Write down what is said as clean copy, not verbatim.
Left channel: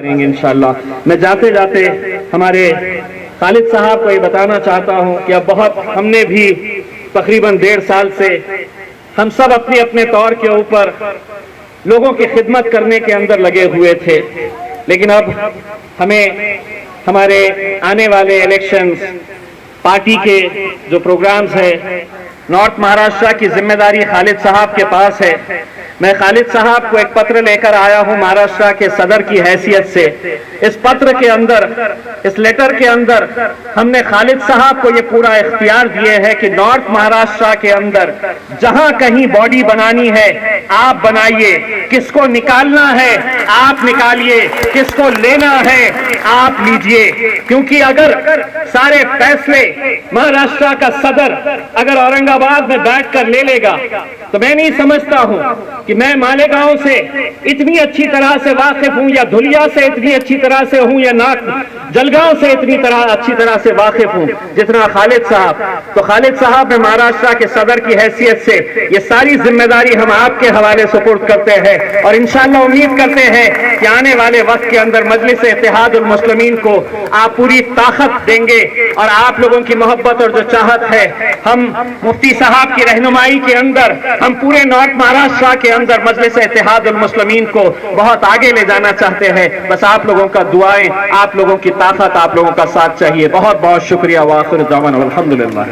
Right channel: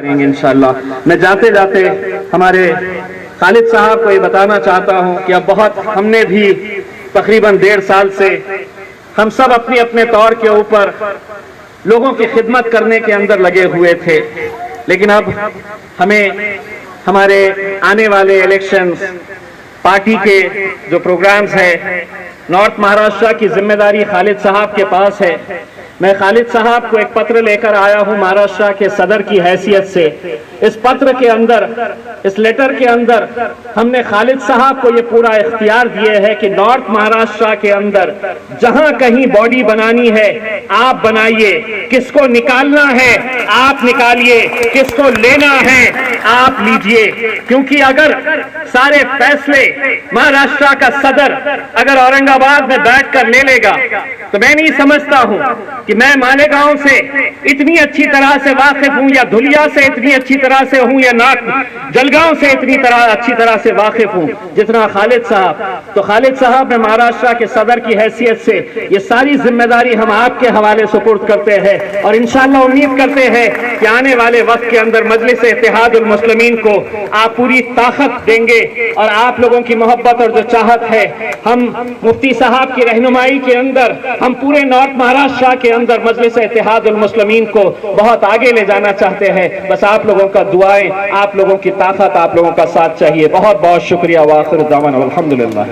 کریں گے انشاءاللہ۔ میں جاتے جاتے ہمارے خالد صاحب کو یہ بتانا چاہتا ہوں کہ اب بہت ہم نے بھی تقریباً 1.5 سال سے ہم سب اپنے اپنے طور کے اوپر لوگوں کی خدمت کرنے کے اندر لگے ہوئے تھے، لیکن اب ہمیں ہمارے آنے والے الیکشنز، پارٹی کے جو پروگرامز ہیں، نارتھ مہاراشٹر کی ذمہ داری خالد صاحب کے پاس ہے۔ میں خالد صاحب کو ایک پتر لے کر آیا ہوں مہاراشٹر کے صدر کی حیثیت سے۔ اس پتر کے اندر، اس لیٹر کے اندر ہم نے خالد صاحب کو یہ پورا اختیار دیے ہے کہ نارتھ مہاراشٹر کے اندر جہاں کہیں باڈی بنانی ہے آپ بنائیے، کس کو نکالنا ہے آپ نکالیے، کس کو لینا ہے آپ لیجئے، کیونکہ اگر سارے فیصلے مہاراشٹر کا صدر اگر اورنگ آباد میں بیٹھ کر لے لے گا تو میں نہیں سمجھتا ہوں کہ میں مالیگاؤں سے اتنی اچھی طرح سے واقف ہوں، یا دھلیا سے اتنی اچھی طرح سے ہوں، یا جلگاؤں سے اتنی اچھی طرح سے واقف ہوں جتنا خالد صاحب۔ تو خالد صاحب نے مہاراشٹر کے صدر کی حیثیت سے یہ ساری ذمہ داری ہم آپ کے حوالے سپرد کرتے ہیں، اور انشاءاللہ امید کرتے ہیں کہ آنے والے وقت کے اندر مجلس اتحاد المسلمین کو آپ پوری طاقت دیں گے، اور آپ لوگوں کی محبت اور جو چاہت ہے، ہم مفتی صاحب کی رہنمائی کے اندر ہم پورے نارتھ مہاراشٹر کے اندر مجلس اتحاد المسلمین کو بہت آگے لے جانا چاہتے ہیں۔ بس آپ لوگوں کا دعائیں، آپ لوگوں کی طاقت، آپ لوگوں کا ساتھ چاہیے۔ بہت بہت شکریہ۔ وآخر دعوانا الحمدللہ۔